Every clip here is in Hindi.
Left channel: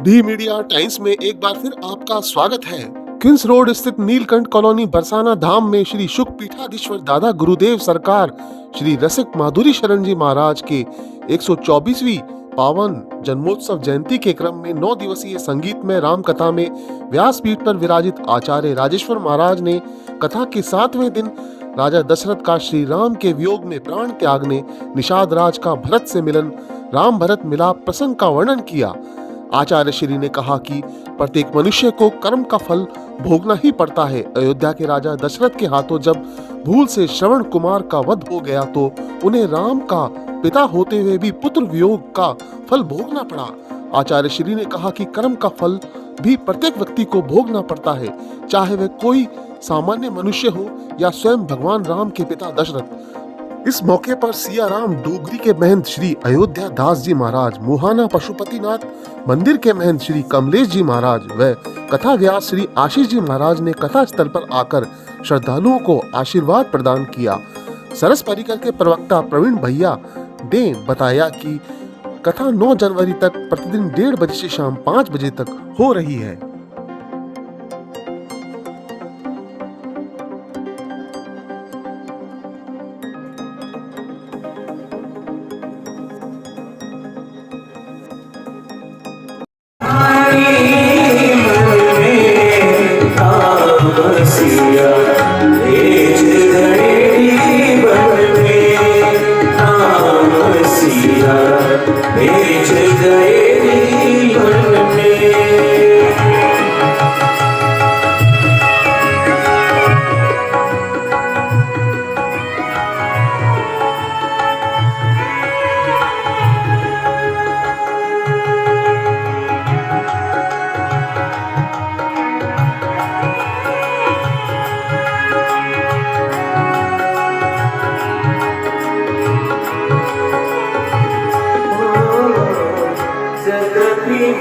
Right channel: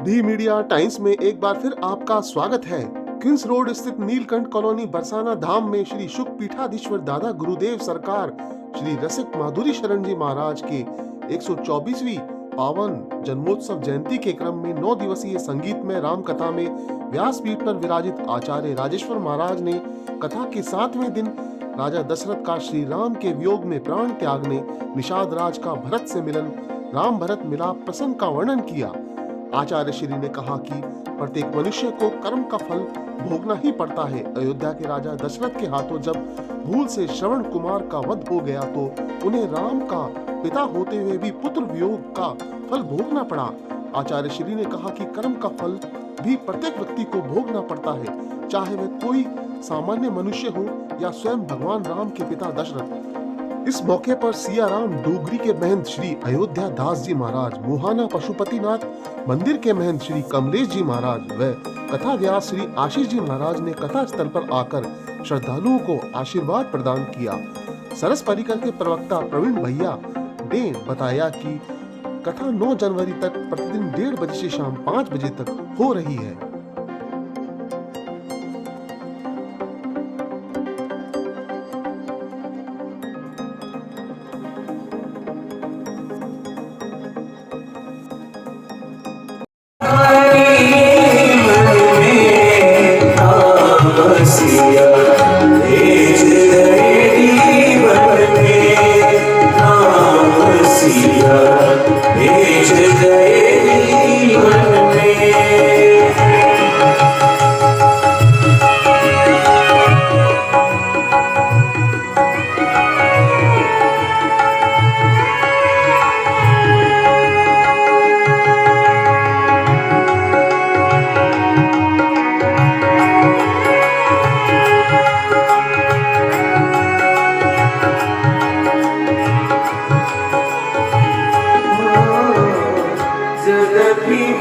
दी मीडिया टाइम्स में एक बार फिर आपका स्वागत है। किंग्स रोड स्थित नीलकंठ कॉलोनी बरसाना धाम में श्री शुक पीठाधीश्वर दादा गुरुदेव सरकार श्री रसिक माधुरी शरण जी महाराज के 124वीं पावन जन्मोत्सव जयंती के क्रम में 9 दिवसीय संगीतमय राम कथा में व्यासपीठ पर विराजित आचार्य राजेश्वर महाराज ने कथा के 7वें दिन राजा दशरथ का श्री राम के वियोग में प्राण त्यागने, निषाद राज का भरत से मिलन, राम भरत मिलाप प्रसंग का वर्णन किया। आचार्य श्री ने कहा कि प्रत्येक मनुष्य को कर्म का फल भोगना ही पड़ता है। अयोध्या के राजा दशरथ के हाथों जब भूल से श्रवण कुमार का वध हो गया तो उन्हें राम का पिता होते हुए भी पुत्र वियोग का फल भोगना पड़ा। आचार्य श्री ने कहा कि कर्म का फल भी प्रत्येक व्यक्ति को भोगना पड़ता है, चाहे वह कोई सामान्य मनुष्य हो या स्वयं भगवान राम के पिता दशरथ। इस मौके पर सिया राम डोगरी के महंत श्री अयोध्या दास जी महाराज, मुहाना पशुपतिनाथ मंदिर के महंत श्री कमलेश जी महाराज व कथा व्यास श्री आशीष जी महाराज ने कथा स्थल पर आकर श्रद्धालुओं को आशीर्वाद प्रदान किया। सरस परिकर के प्रवक्ता प्रवीण भैया ने बताया कि कथा 9 जनवरी तक प्रतिदिन 1:30 बजे से शाम 5 बजे तक हो रही है।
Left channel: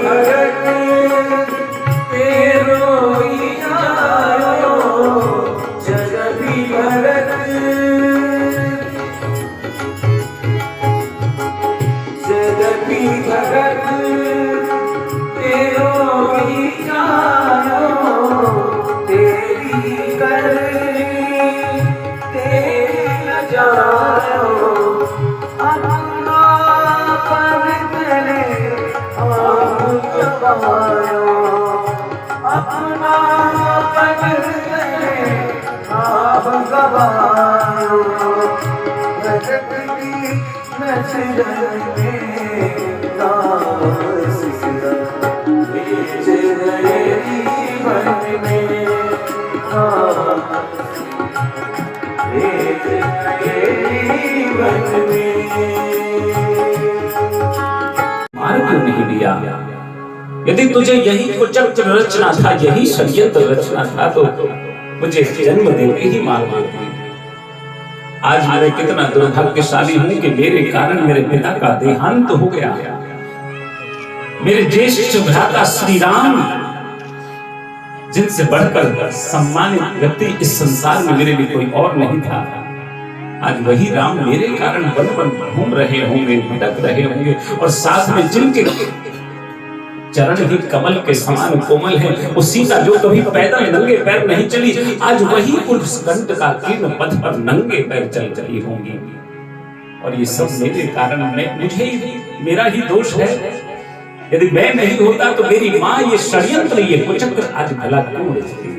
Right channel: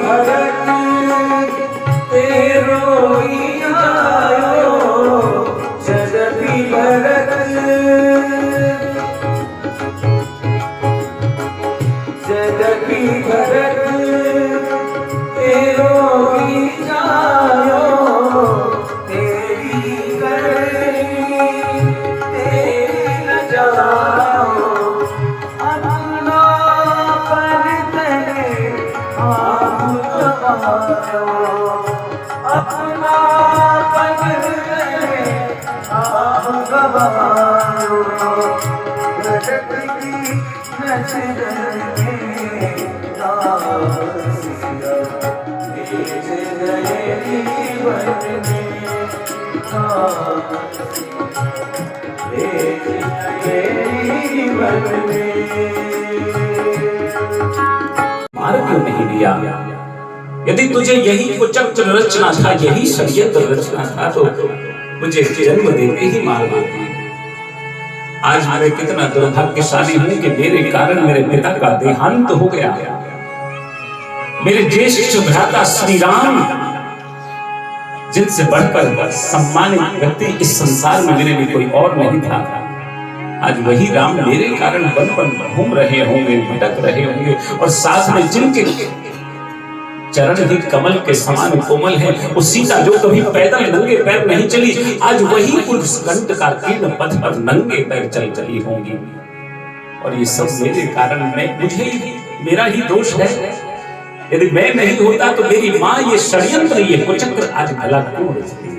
भगत तेरो आयो, जगति भगत जगति भगत तेरो आयो, तेरी करनी तेरी न जाओ, अपना पर तेरे अपना मार्ग क्यों नहीं दिया? यदि तुझे यही कुचक्र रचना था, यही षड्यंत्र रचना था, तो मुझे जन्म देते ही मार देती। आज मैं कितना दुर्भाग्यशाली हूं कि मेरे कारण मेरे पिता का देहांत हो गया। मेरे ज्येष्ठ भ्राता श्री राम, जिनसे बढ़कर सम्मानित व्यक्ति इस संसार में मेरे लिए कोई और नहीं था, आज वही राम मेरे कारण वन वन घूम रहे होंगे, भटक रहे होंगे, और साथ में जिनके चरण ही कमल के समान कोमल है, वो सीता जो कभी पैदल नंगे पैर नहीं चली, आज वही कुंठ का तीर्ण पथ पर नंगे पैर चल रही होंगी। और ये सब मेरे कारण, मुझे मेरा ही दोष है। यदि मैं नहीं होता तो मेरी माँ ये षड्यंत्र, ये कुचक्र आज भला क्यों रचती?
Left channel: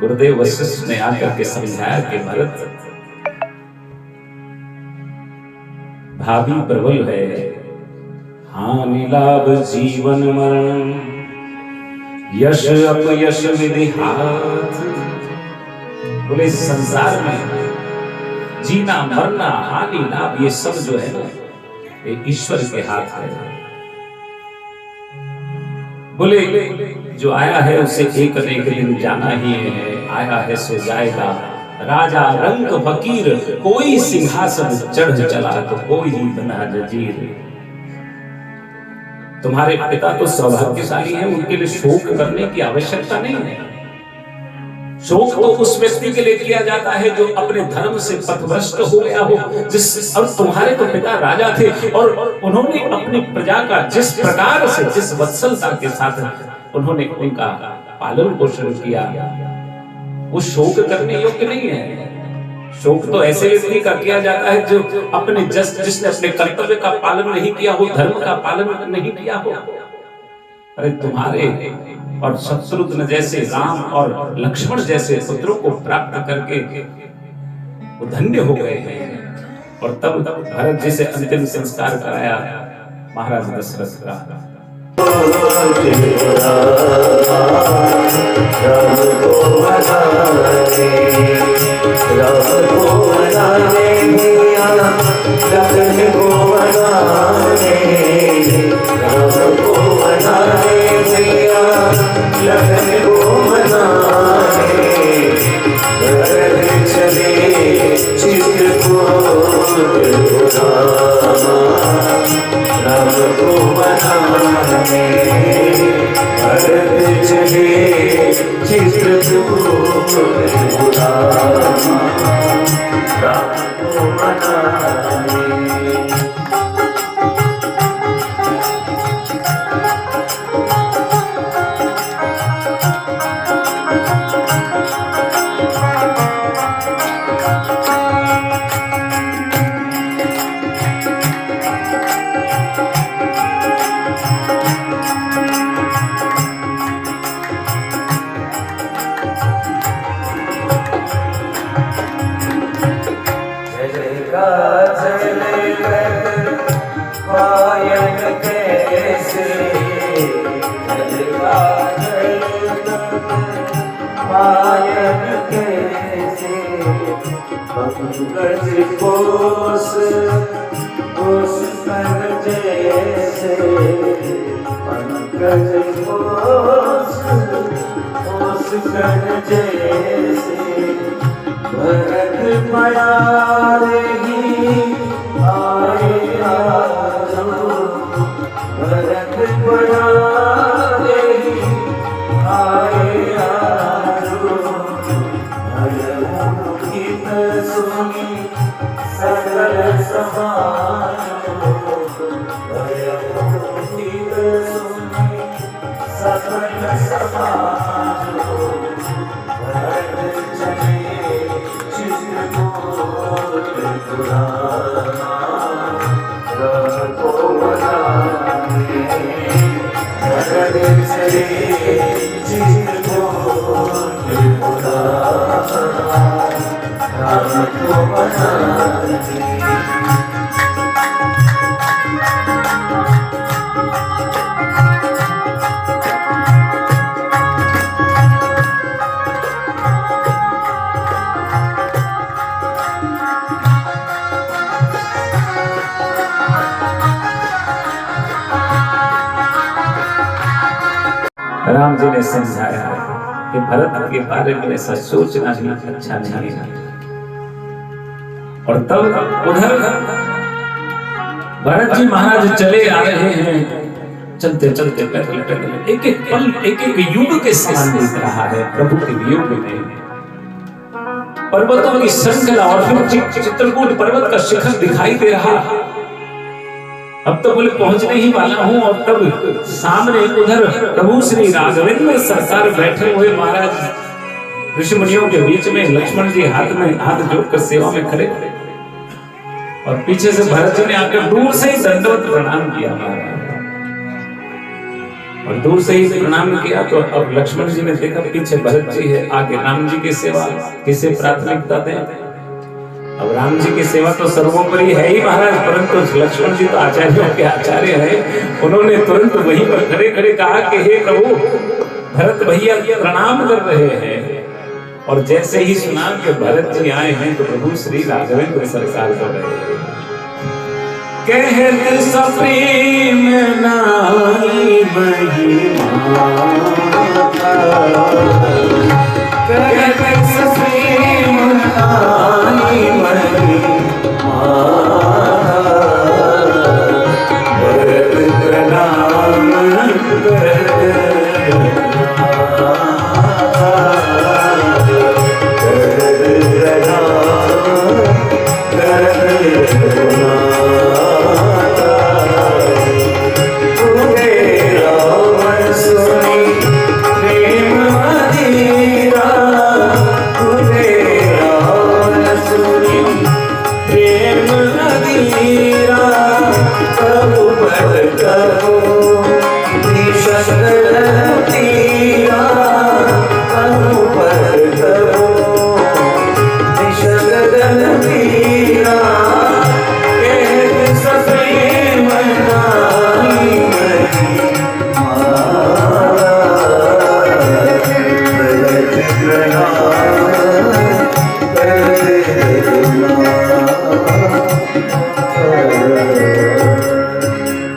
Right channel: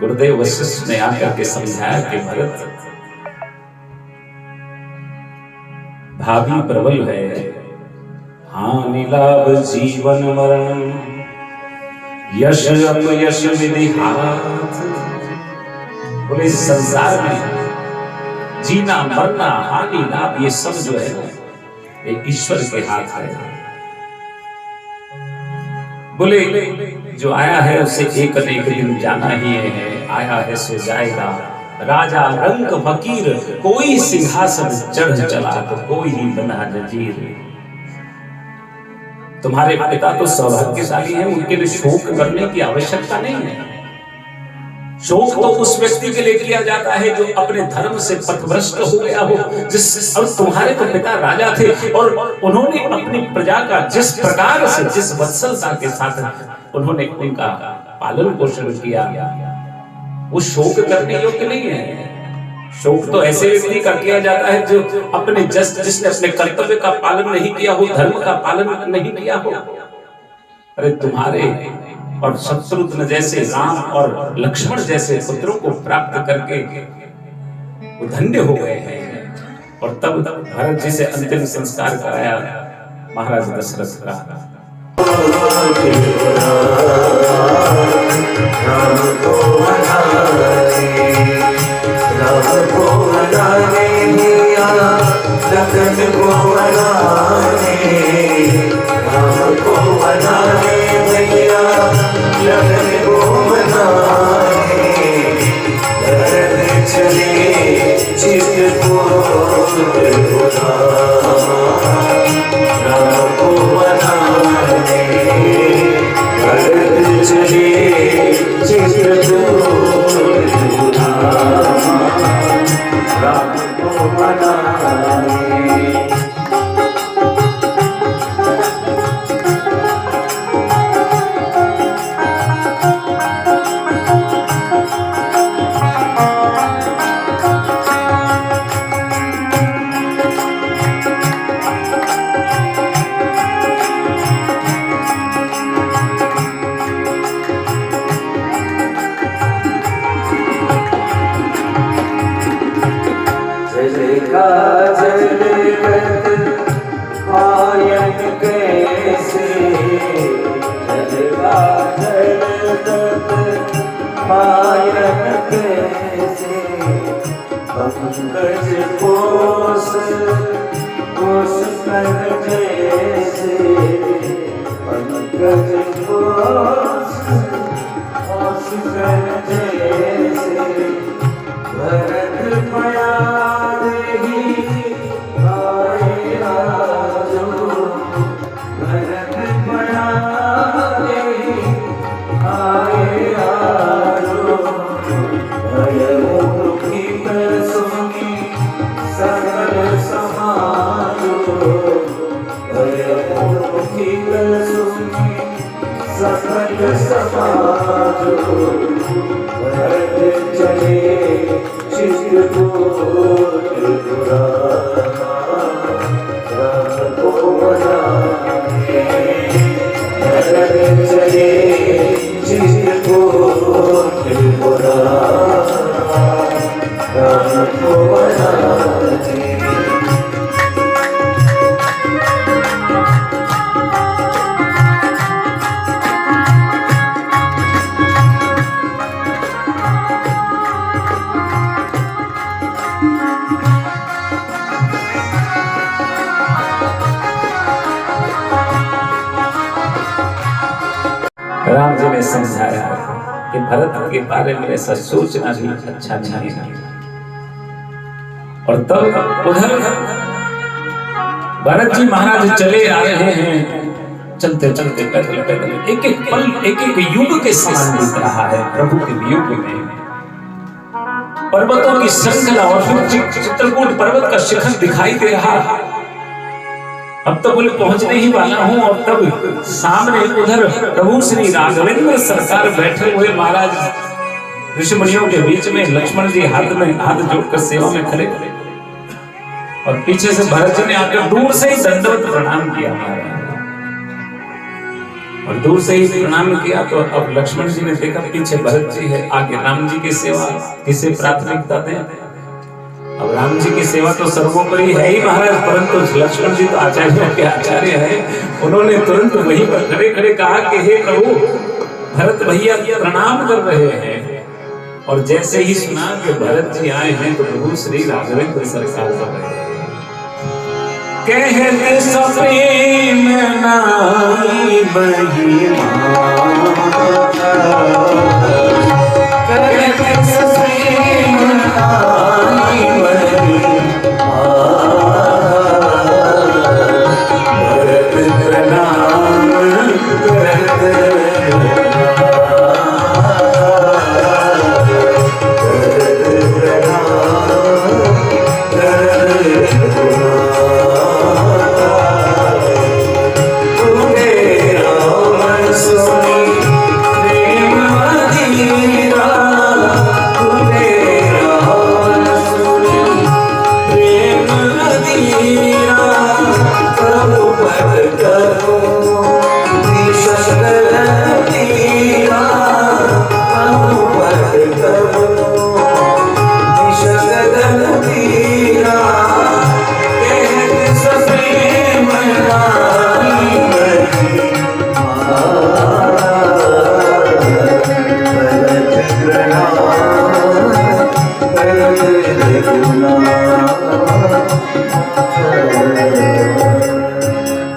गुरुदेव वशिष्ठ ने आकर के समझाया कि भरत, भाभी प्रबल है, हानि लाभ जीवन मरण, यश अपयश विधि हाथ। बोले संसार में जीना मरना, हानि लाभ, ये सब जो है ना, ये ईश्वर के हाथ है। बोले जो आया है उसे एक न एक दिन जाना ही है, आया है सो जाएगा। राजा रंक फकीर, कोई सिंहासन चढ़ चला तो कोई ही बना जजीर। तुम्हारे पिता तो सौभाग्यशाली हैं, उनके लिए शोक करने की आवश्यकता नहीं है। शोक तो उस व्यक्ति के लिए किया जाता है जो अपने धर्म से पथभ्रष्ट हो गया हो। जिस और तुम्हारे तो पिता राजा थे और उन्होंने अपनी प्रजा का जिस प्रकार से, जिस वत्सलता के साथ उन्होंने उनका पालन पोषण किया, वो शोक करने योग्य नहीं है। शोक तो ऐसे व्यक्ति का किया जाता है जो अपने जिसने अपने कर्तव्य का पालन नहीं किया हो, धर्म का पालन नहीं किया हो। अरे तुम्हारे और शत्रुघ्न जैसे, राम और लक्ष्मण जैसे पुत्रों को प्राप्त करके वो धन्य हो गए हैं। और तब भरत जी से अंतिम संस्कार कराया महाराज दशरथ का। राम जी ने समझाया कि भरत के बारे में ऐसा सोचना भी अच्छा नहीं है। और तब उधर भरत जी महाराज चले आ रहे हैं, चलते चलते पैदल पैदल एक एक पल, एक एक युग के समान बीत रहा है प्रभु के युग में। पर्वतों की श्रृंखला और फिर चित्रकूट पर्वत का शिखर दिखाई दे रहा है। अब तो बोले पहुंचने ही वाला हूं और तब सामने उधर प्रभु श्री राघवेंद्र सरकार बैठे हुए महाराज ऋषि मुनियों के बीच में, लक्ष्मण जी हाथ में हाथ जोड़कर सेवा में खड़े और पीछे से भरत जी ने आकर दूर से ही दंडवत प्रणाम किया और दूर से ही प्रणाम किया। तो अब लक्ष्मण जी ने देखा पीछे भरत जी है, आगे राम जी की सेवा किसे प्राथमिकता दें। अब राम जी की सेवा तो सर्वोपरि है ही महाराज, परंतु लक्ष्मण जी तो आचार्यों के आचार्य हैं। उन्होंने तुरंत वहीं पर खड़े खड़े कहा कि हे प्रभु, भरत भैया प्रणाम कर रहे हैं। और जैसे ही सुना कि भरत जी आए हैं तो प्रभु श्री राघवेंद्र सरकार कर रहे हैं। कहत सप्रेम नाई बहिमा, कहत सप्रेम नाई बहिमा, प्रणाम करत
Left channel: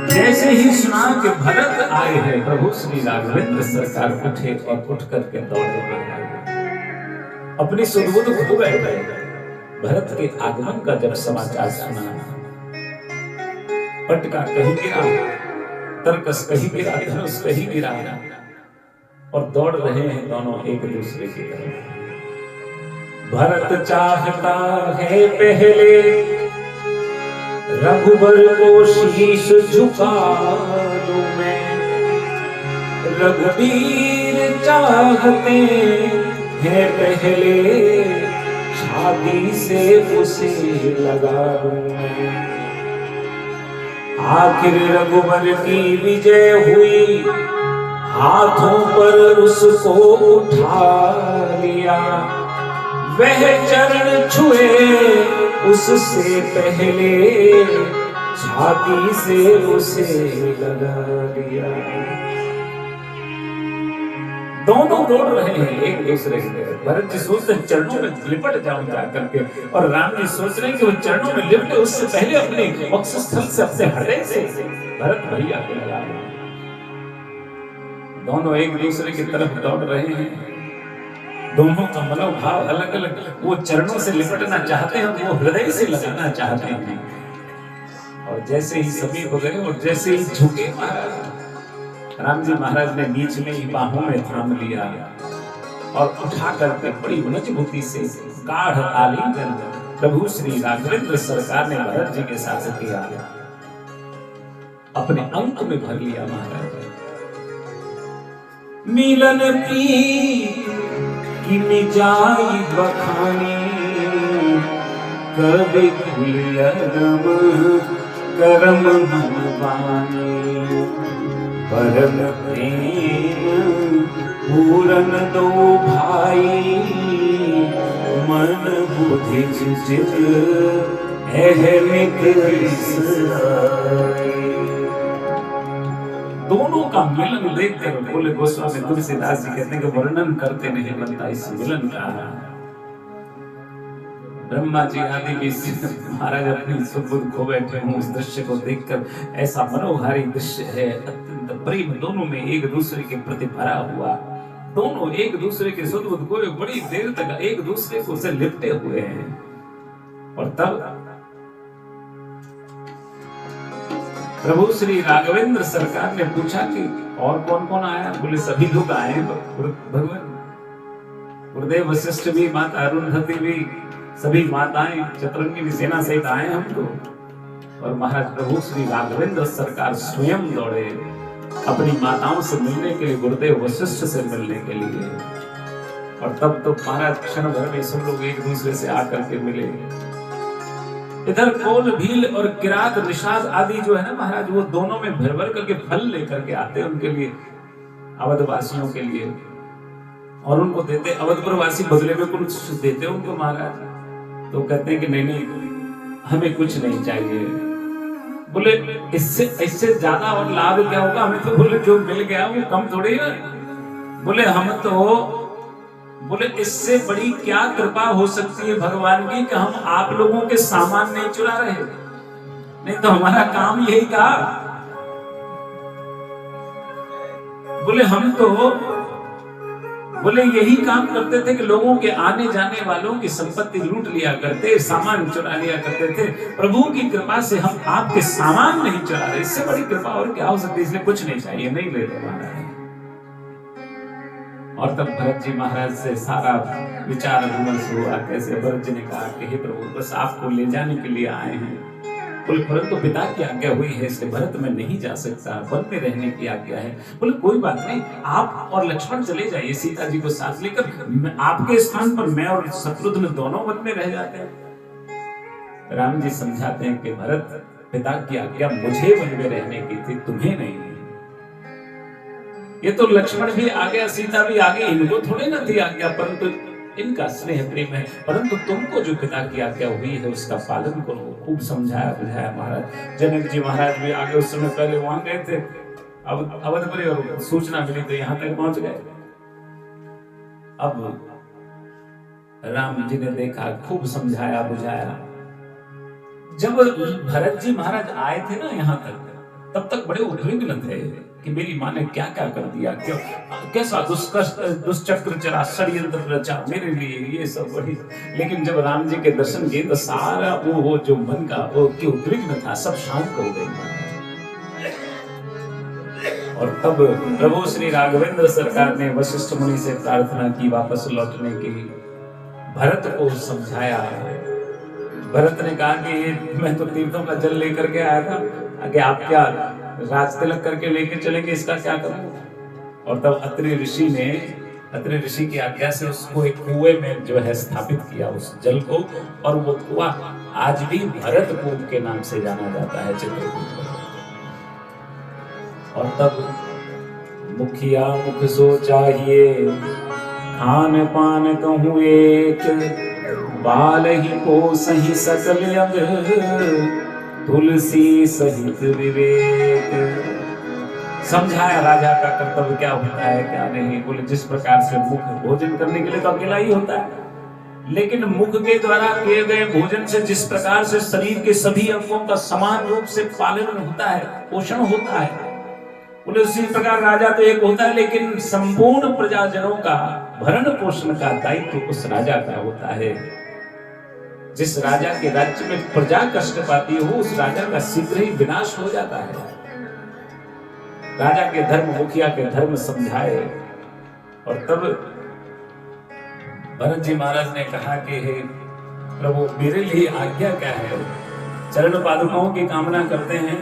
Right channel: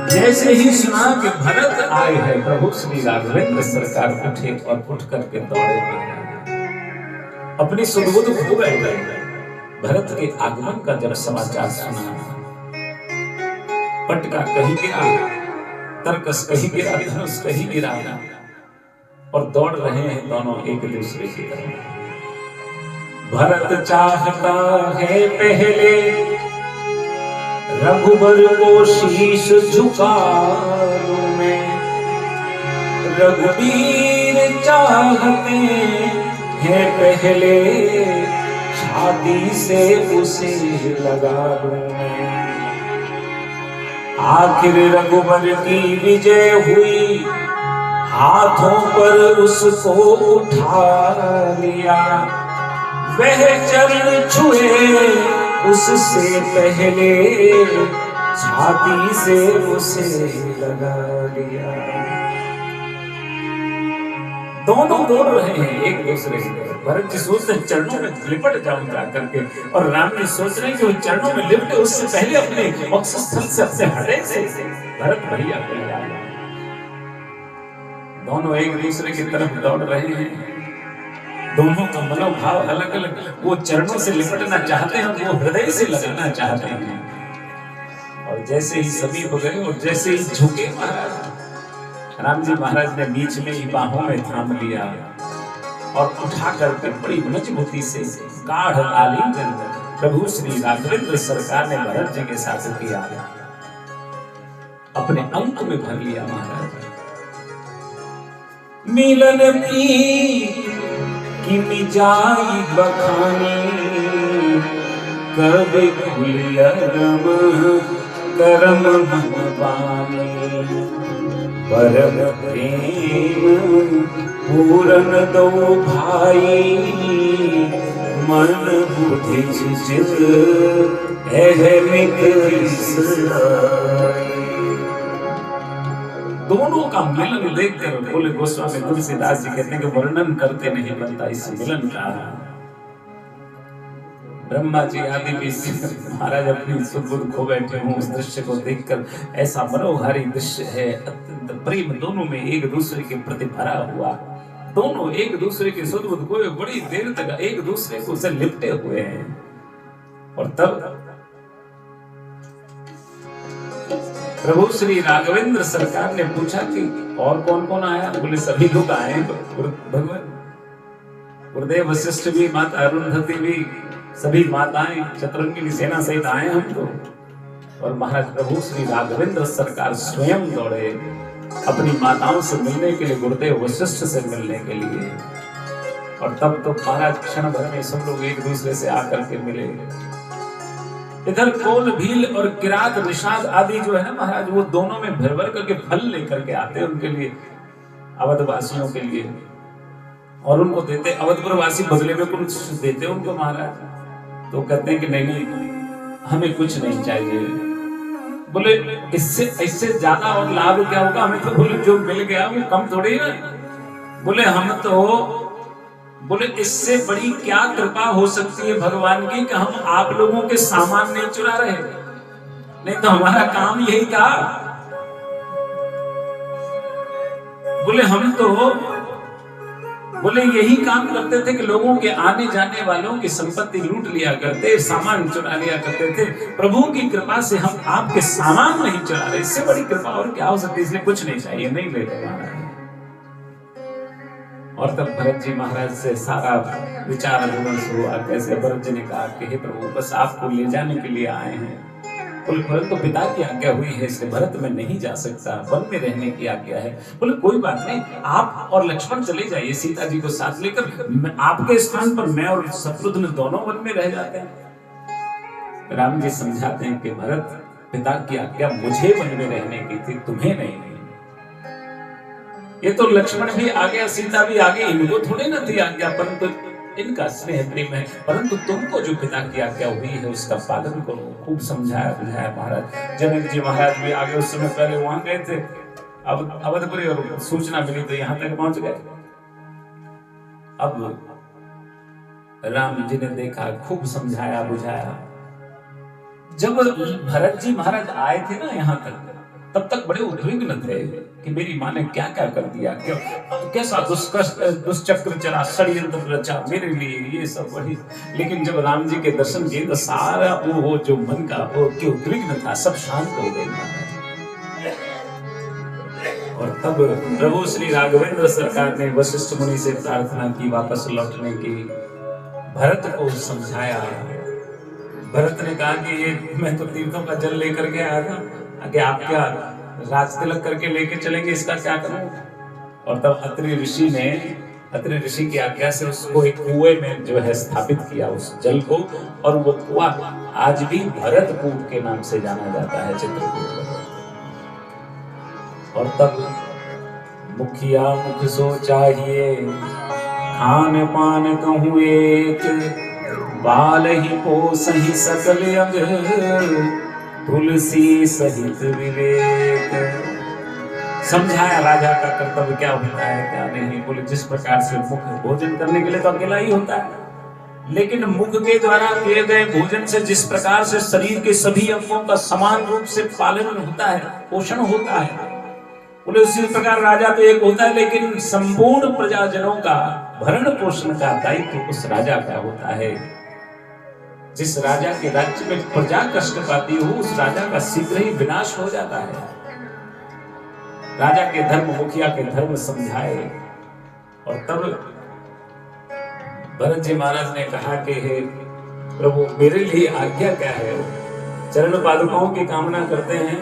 जैसे ही सुना कि भरत आए हैं, प्रभु श्री राघवेंद्र सरकार उठे और उठ करके दौड़े अपनी सुबोध खो बैठे। भरत के आगमन का जब समाचार सुना, पटका कहीं गिरा, तरकस कहीं गिरा, धनुष कहीं गिरा, और दौड़ रहे हैं दोनों एक दूसरे की तरफ। भरत चाहता है पहले रघुबर को शीश झुका लूं मैं, रघुवीर चाहते हैं पहले छाती से उसे लगा लूं मैं। आखिर रघुबर की विजय हुई, हाथों पर उसको उठा लिया, वह चरण छुए उससे पहले छाती से उसे लगा लिया। दोनों दौड़ रहे हैं एक दूसरे से। भरत जी सोचते चरणों में लिपट जाऊं जा करके, और राम जी सोच रहे कि वो चरणों में लिपटे उससे पहले अपने वक्षस्थल से, अपने हृदय से भरत भैया। दोनों एक दूसरे की तरफ दौड़ रहे हैं, दोनों का मनोभाव अलग अलग। वो चरणों से लिपटना चाहते हैं, वो हृदय से लगाना चाहते हैं। और जैसे ही समीप हो गए और जैसे ही झुके महाराज, राम जी महाराज ने बीच में ही बाहों में थाम लिया और उठा करके बड़ी मजबूती से गाढ़ आलिंगन प्रभु श्री राघवेंद्र सरकार ने भरत जी के साथ किया, अपने अंक में भर लिया। महाराज मिलन की मिजाई बखानी, कब खुलियरम करम मनवानी, परम प्रेम पूरन दो भाई, मन बुद्धि सुचित अहमित दोनों का मिलन देखकर बोले गोस्वामी तुलसीदास जी कहते हैं कि वर्णन करते नहीं बनता इस मिलन का। ब्रह्मा जी आदि भी महाराज अपनी सुबुद्ध खो बैठे हों, उस दृश्य को देखकर ऐसा मनोहारी दृश्य है। अत्यंत प्रेम दोनों में एक दूसरे के प्रति भरा हुआ, दोनों एक दूसरे के सुबुद्ध को बड़ी देर तक एक दूसरे को से लिपटे हुए हैं। और तब प्रभु श्री राघवेंद्र सरकार ने पूछा कि और कौन कौन आया? बोले सभी लोग आए भगवान, गुरुदेव वशिष्ठ भी, माता अरुंधति भी, सभी माताएं चतुरंगी की सेना सहित आए हम तो। और महाराज प्रभु श्री राघवेंद्र सरकार स्वयं दौड़े अपनी माताओं से मिलने के लिए, गुरुदेव वशिष्ठ से मिलने के लिए। और तब तो महाराज क्षण भर में सब लोग एक दूसरे से आकर के मिले। इधर कौल भील और किरात निषाद आदि जो है महाराज, वो दोनों में भर भर करके फल लेकर के आते उनके लिए, अवधवासियों के लिए, और उनको देते। अवधपुर वासी बदले में कुछ देते उनको महाराज, तो कहते हैं कि नहीं हमें कुछ नहीं चाहिए। बोले इससे ज्यादा और लाभ क्या होगा हमें? तो बोले जो मिल गया वो कम थोड़ी है। बोले हम तो, बोले इससे बड़ी क्या कृपा हो सकती है भगवान की कि हम आप लोगों के सामान नहीं चुरा रहे, नहीं तो हमारा काम यही था। बोले हम तो, बोले यही काम करते थे कि लोगों के आने जाने वालों की संपत्ति लूट लिया करते, सामान चुरा लिया करते थे। प्रभु की कृपा से हम आपके सामान नहीं चुरा रहे, इससे बड़ी कृपा और क्या हो सकती है? इसलिए कुछ नहीं चाहिए, नहीं ले रहे। और तब भरत जी महाराज से सारा विचार विमर्श हुआ। कैसे भरत जी ने कहा कि हे प्रभु, बस आपको ले जाने के लिए आए हैं। बोले भरत तो पिता की आज्ञा हुई है, इसलिए भरत में नहीं जा सकता, वन में रहने की आज्ञा है। बोले कोई बात नहीं, आप और लक्ष्मण चले जाइए सीता जी को साथ लेकर, आपके स्थान पर मैं और शत्रुघ्न दोनों वन में रह जाते हैं। राम जी समझाते हैं कि भरत, पिता की आज्ञा मुझे वन में रहने की थी, तुम्हें नहीं। ये तो लक्ष्मण भी आ गया, सीता भी आ गई, इनको थोड़े ना थी आज्ञा, परंतु इनका स्नेह प्रेम है। परंतु तुमको जो पिता की आज्ञा हुई है उसका पालन करो। खूब समझाया बुझाया महाराज। जनक जी महाराज भी आगे उस समय पहले वहां गए थे, अब अवधपुरी और सूचना मिली तो यहाँ तक पहुंच गए। अब राम जी ने देखा, खूब समझाया बुझाया। जब भरत जी महाराज आए थे ना यहाँ तक, तब तक बड़े उद्विग्न थे कि मेरी माँ ने क्या क्या कर दिया, कैसा दुष्चक्र चला, षड्यंत्र रचा मेरे लिए, ये सब बड़ी। लेकिन जब राम जी के दर्शन किए तो सारा वो जो मन का वो उद्विग्न था सब शांत हो गया। और तब प्रभु श्री राघवेंद्र सरकार ने वशिष्ठ मुनि से प्रार्थना की वापस लौटने की। भरत को समझाया। भरत ने कहा कि मैं तो तीर्थों का जल लेकर के आया था, आगे आप क्या राज तिलक करके लेके चलेंगे, इसका क्या करूं। और तब अत्रि ऋषि की आज्ञा से उसको एक कुएं में जो है स्थापित किया उस जल को, और वो कुआं आज भी भरतपुर के नाम से जाना जाता है, चित्रकूट। और तब मुखिया मुख सो चाहिए, खान पान कहूँ एक, बाल ही पोसहि सकल अंग, तुलसी सहित विवेक। समझाया राजा का कर्तव्य क्या होता है क्या नहीं। बोले जिस प्रकार से मुख भोजन करने के लिए तो अकेला ही होता है, लेकिन मुख के द्वारा किए गए भोजन से जिस प्रकार से शरीर के सभी अंगों का समान रूप से पालन होता है, पोषण होता है, बोले उसी प्रकार राजा तो एक होता है, लेकिन संपूर्ण प्रजाजनों का भरण पोषण का दायित्व उस राजा का होता है। जिस राजा के राज्य में प्रजा कष्ट पाती हो, उस राजा का शीघ्र ही विनाश हो जाता है। राजा के धर्म, मुखिया के धर्म समझाए। और तब भरत जी महाराज ने कहा कि हे प्रभु, मेरे लिए आज्ञा क्या है। चरण पादुकाओं की कामना करते हैं।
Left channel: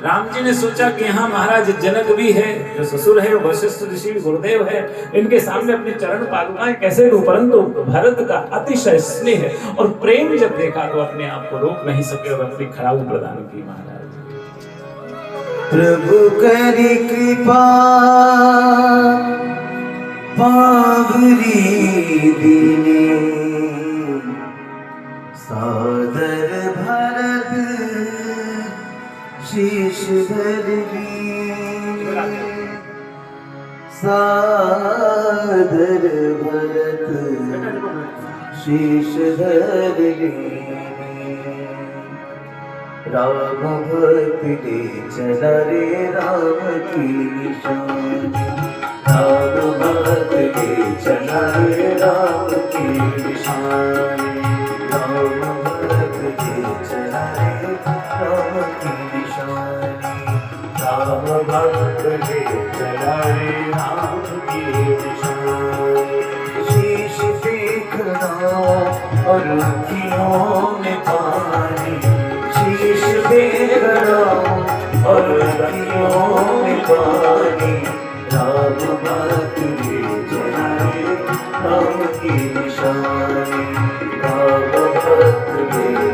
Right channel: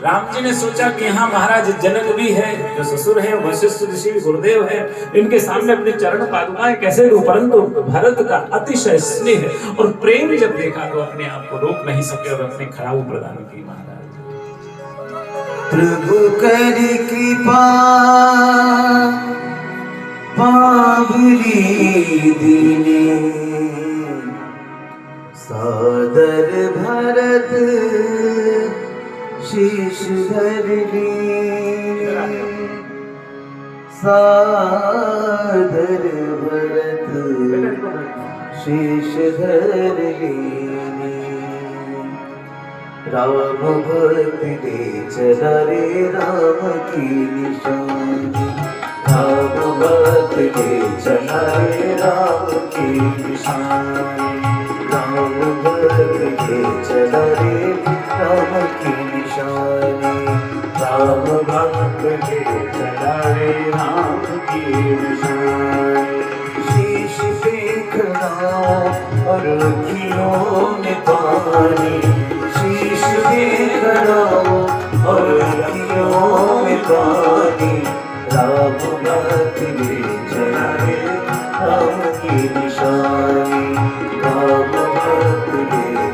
राम जी ने सोचा कि यहाँ महाराज जनक भी है, जो ससुर है, वशिष्ठ ऋषि गुरुदेव है, इनके सामने अपने चरण पादुकाएं कैसे दूं। परंतु भरत का अतिशय स्नेह और प्रेम जब देखा तो अपने आप को रोक नहीं सके और अपने खड़ाऊ प्रदान की। महाराज प्रभु करी कृपा पावरी दीने, सादर भरत शीश धर लीने, सादर भरत शीश धर लीने। राम भक्त ले चला रे राम की निशानी, राम भक्त ले चला रे राम की निशानी, राम भक्त ले चला रे राम की निशानी, राम भक्त ले चला रे राम की निशानी। शीश देखना और अखियों में पानी, शीश देखना और अखियों में पानी, राम भक्त ले चला रे राम की निशानी, राम भक्त ले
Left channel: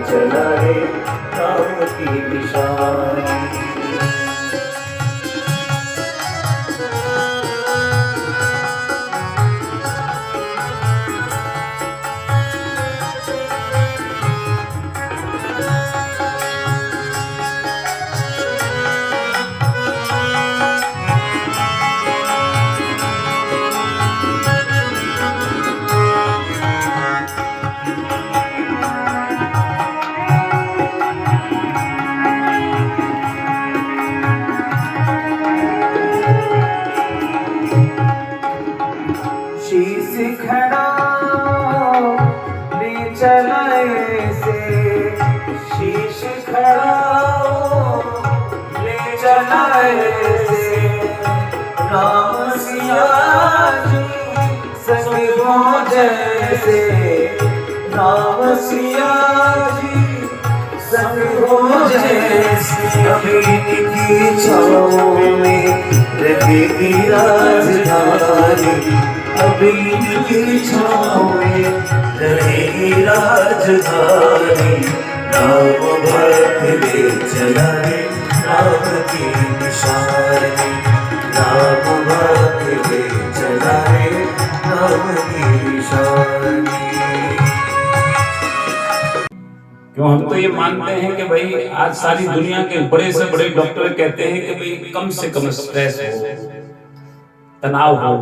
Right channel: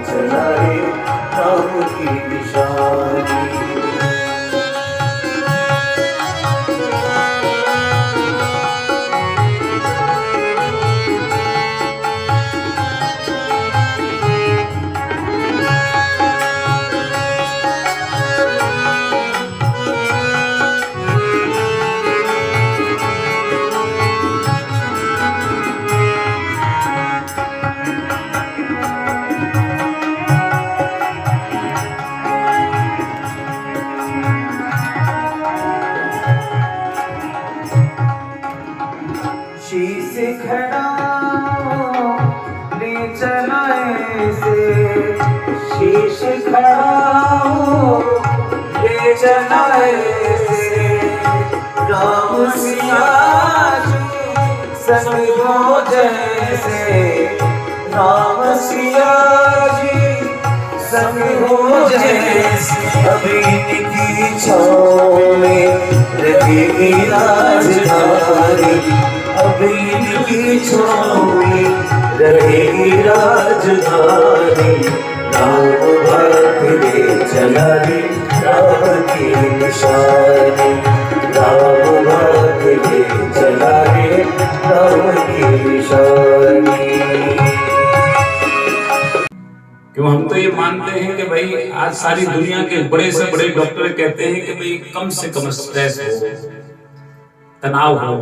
चला रे राम की निशानी। शीश खड़ा ले चलाए से, शीश खड़ा ले चलाए से, राम सी से नाम सिया जी संग हो जैसे अभी इनकी छाँव में रहे राजधानी अभी इनकी छाँव में रहे राजधानी राम भक्त ले चला रे राम की निशानी राम भक्त ले चला रे राम की निशानी। क्यों हम तो ये मानते हैं कि भाई आज सारी दुनिया के बड़े से बड़े डॉक्टर कहते हैं कि भाई कम से कम स्ट्रेस हो, तनाव हो।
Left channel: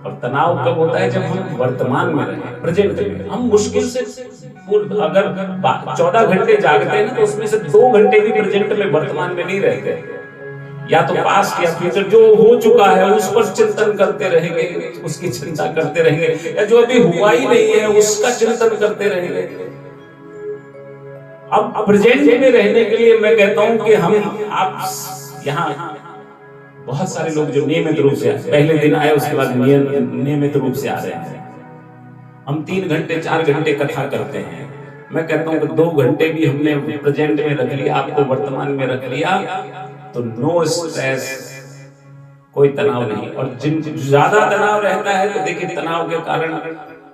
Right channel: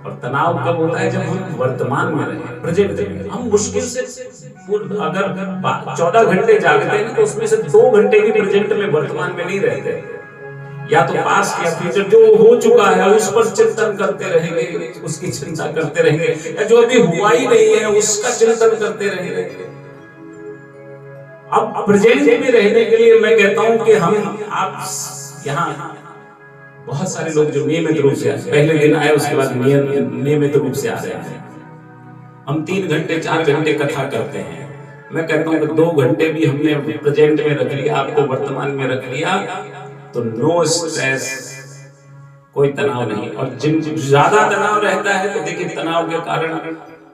और तनाव कब होता है? जब हम वर्तमान में रहें, प्रेजेंट में। हम मुश्किल से अगर 14 घंटे जागते हैं ना, तो उसमें से 2 घंटे भी प्रेजेंट में, वर्तमान में नहीं रहते। या तो पास्ट या फ्यूचर जो हो चुका है उस पर चिंतन करते रहेंगे, उसकी चिंता करते रहेंगे, या जो अभी हुआ ही नहीं है उसका चिंतन करते रहेंगे। अब प्रेजेंट में रहने के लिए मैं कहता हूं कि आप यहाँ बहुत सारे लोग जो नियमित रूप से पहले दिन आए, उसके बाद नियमित रूप से आ रहे हैं। हम 3 घंटे 4 घंटे कथा करते हैं। मैं कहता हूं कि 2 घंटे भी हमने प्रेजेंट में रख लिया, आपको वर्तमान में रख लिया, तो नो स्ट्रेस, कोई तनाव नहीं। और जिन ज्यादा तनाव रहता है तो देखिए तनाव के कारण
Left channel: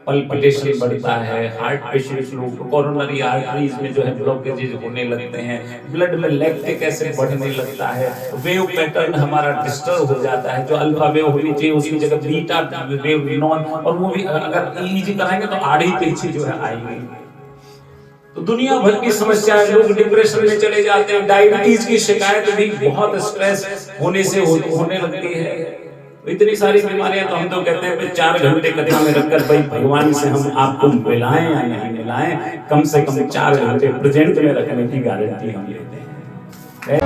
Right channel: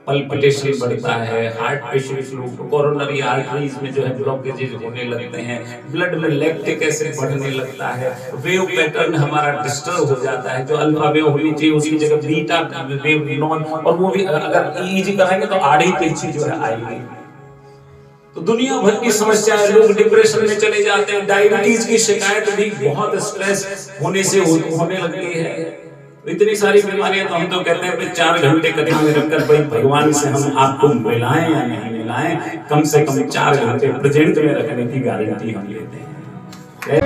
पल्पिटेशन बढ़ता है, हार्ट पेशेंट्स लोग कोरोनरी आर्टरीज में जो है ब्लॉकेजेज होने लगते हैं, ब्लड में लैक्टिक एसिड बढ़ने लगता है, वेव पैटर्न हमारा डिस्टर्ब हो जाता है। जो अल्फा वेव होनी चाहिए उसकी जगह बीटा वेव नॉन, और वो भी अगर ईजी कराएंगे तो आड़ी तिरछी जो है आएगी। तो दुनिया भर की समस्याएं, लोग डिप्रेशन में चले जाते हैं, डायबिटीज की शिकायत भी बहुत स्ट्रेस होने से होने लगती है। इतनी सारी बीमारियां, तो हम तो कहते हैं कि 4 घंटे कदम में रखकर भाई भगवान से हम आपको मिलाएं या नहीं मिलाएं, कम से कम 4 घंटे प्रेजेंट में रखने की गारंटी हम लेते हैं।